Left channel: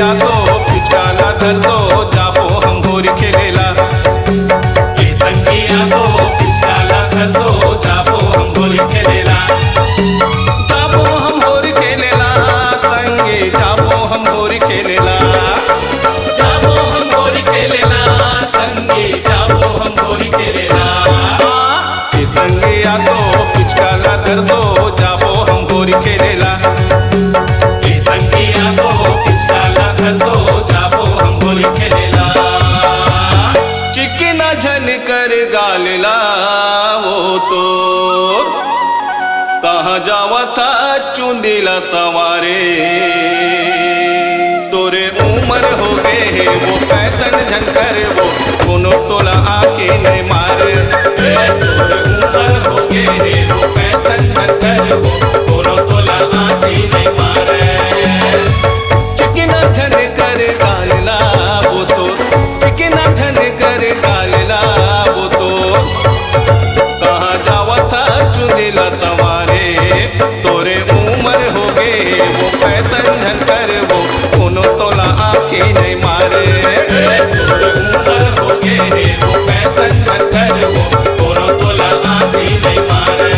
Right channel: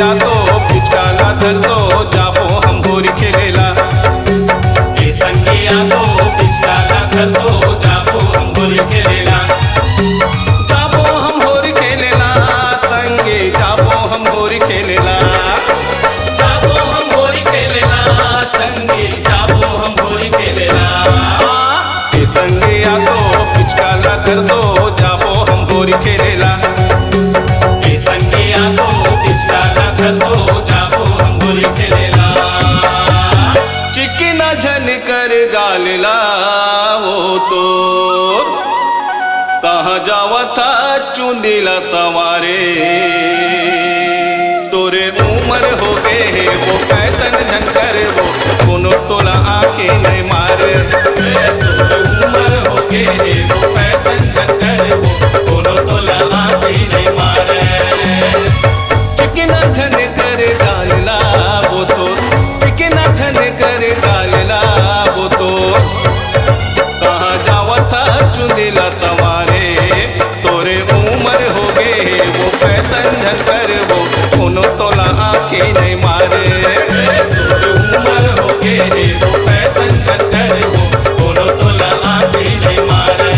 तो पिचकाला धर दो जाबो हम होरी खेलेला। ए संगिया तो पिचकाला धर दो जाबो हम होरी खेलेला। जाबो हम होरी खेलेला संगे जाबो हम होरी खेलेला। जाबो हम होरी खेलेला संगे जाबो हम होरी खेलेला। ए संगिया तो पिचकाला धर दो जाबो हम होरी खेलेला। चिकना झन कर गालला वो तो कहाँ जावा था चुंदीला सवारे। तोरे उम्र हो गए वो फैशन झन कर वो कोनो तोला आके नहीं मारे। उम्र हो गए वो फैशन झन कर वो कोनो तोला आके नहीं मारे। चिकना झन कर गालला वो तो चिकना झन कर गालला वो तो कहाँ जावा था चुंदीला सवारे। तोरे उम्र हो गए वो फैशन झन कर वो कोनो तोला आँखें नहीं मारे। उम्र हो गए वो फैशन झन कर वो कोनो तोला आँखें नहीं मारे।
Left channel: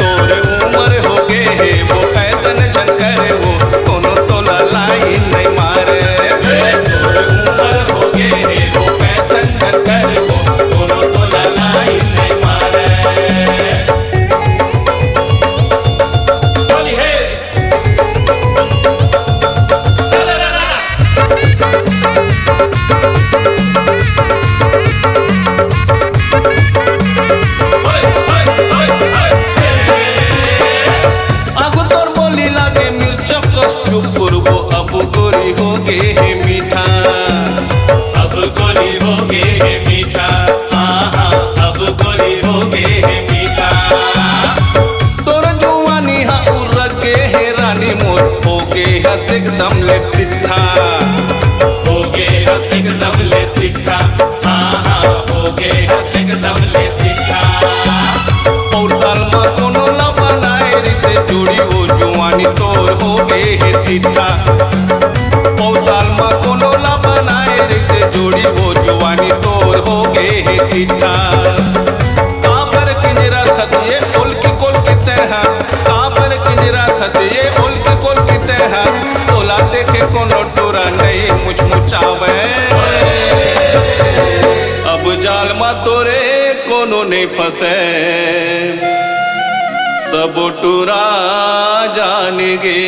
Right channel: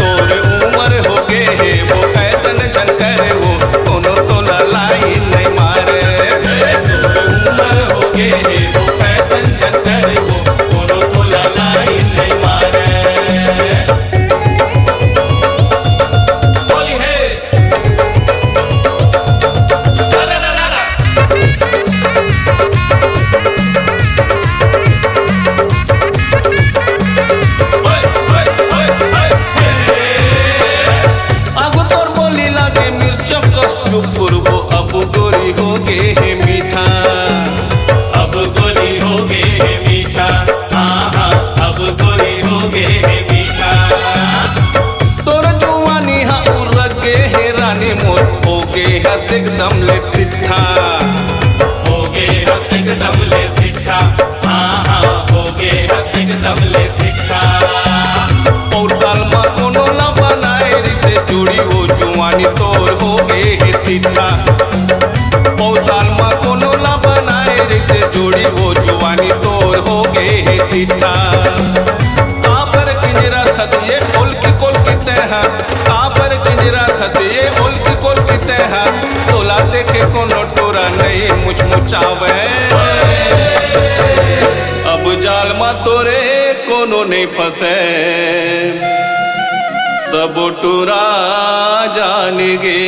तोरे उम्र हो गए वो फैशन झन कर वो कोनो तोला लाइन नहीं मारे। लागे मिर्चा कस चुपुरबो अब गोरी हो गे है मीठा। अब गोरी हो गे है मीठा। हाँ हाँ अब गोरी हो गे है मीठा। तोर जुआनी हाँ उड़ गे है रानी मोत हो गे हस एकदम ले सिट्ठा। हो गे हस एकदम ले सिट्ठा। हाँ हाँ हो गे हस एकदम ले सिट्ठा। और साल मा कोनो ला बनाए रीते जोड़ी वो जुआनी तोर हो गए है सिट्ठा। पौसाल मा कोनो ला बनाए रीते जोड़ी वो जुआनी तोर हो गए है सिट्ठा। कापर किंजरा थत ये ओल की कोल की तरह। कापर किंजरा थत ये ओल की कोल की तरह। तोला देखे कोनो टोरा नहीं मुचमुचावे। अब जाल मा तोरे कोनो नहीं फंसे। सब टुरा जान गे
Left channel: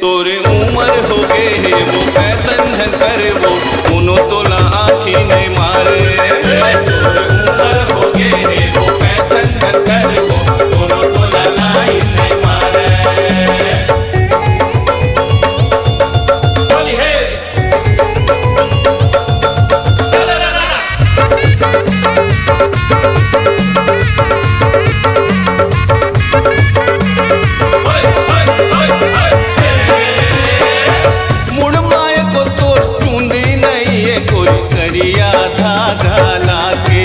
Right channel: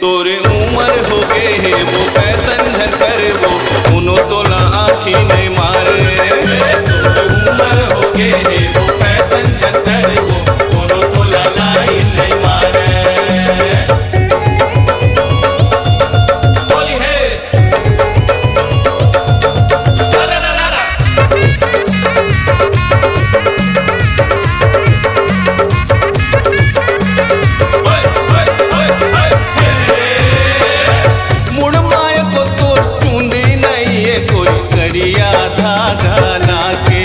तोरे उम्र हो गए वो फैशन झन कर वो कोनो तोला आँखी नहीं मारे। उम्र हो गए वो फैशन झन कर वो कोनो तोला लाइन नहीं मारे। बोली है मुड़माए को तोर चूंदी नहीं है गोरी करिया धागा लागे।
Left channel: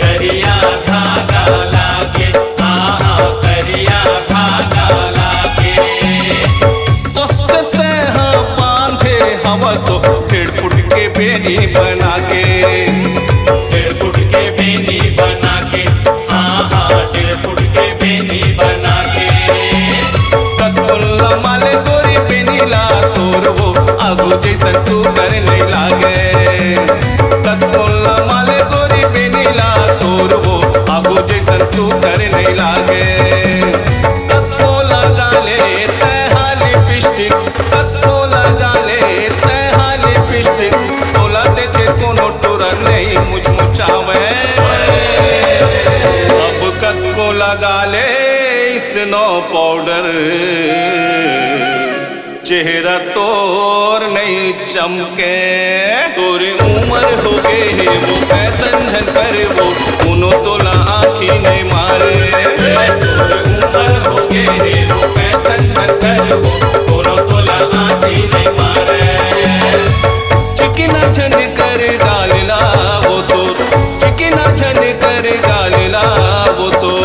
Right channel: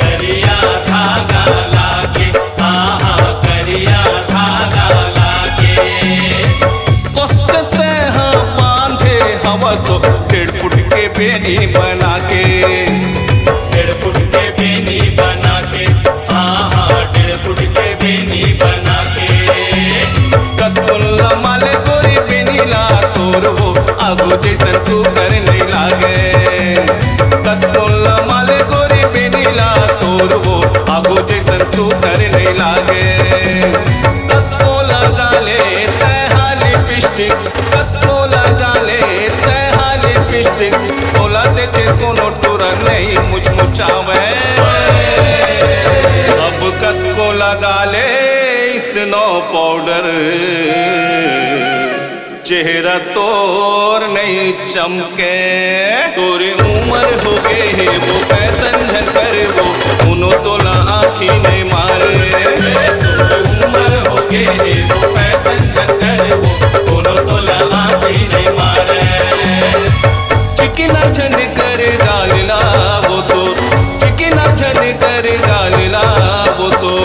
करिया धागा लागे। आहा करिया धागा लागे। कसकते हाँ बांधे हवा सो 1.5 फुट के बेनी बना के। 1.5 फुट के बेनी बना के। आहा 1.5 फुट के बेनी बना के। कतुल्ला माले गोरी बेनीला तोर वो आगू जैसन तू कर नहीं लागे। कतुल्ला माले गोरी बेनीला तोर वो आगू जैसन तू कर नहीं लागे। कतको लगा ले तैहा लिपस्टिक। कतको लगा ले तैहा लिपस्टिक। तोला देखे कोनो टोरा नहीं मुचमुचावे। अब कतको लगा ले स्नो पाउडर। चेहरा तोर नहीं चमके। तोरे उम्र हो गए वो फैशन झन कर वो कोनो तोला आँखी नहीं मारे। उम्र हो गए वो फैशन झन कर वो कोनो तोला आँखी नहीं मारे। चिकना झन कर गालला वो तो चिकना झन कर गालला वो तो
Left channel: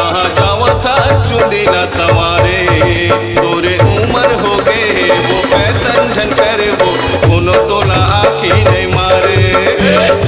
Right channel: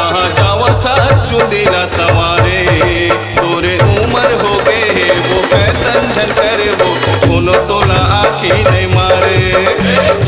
कहाँ जावा था चुंदिला समारे। तोरे उम्र हो गए वो पैतन झनकर वो कोनो तोला आखी नहीं मारे।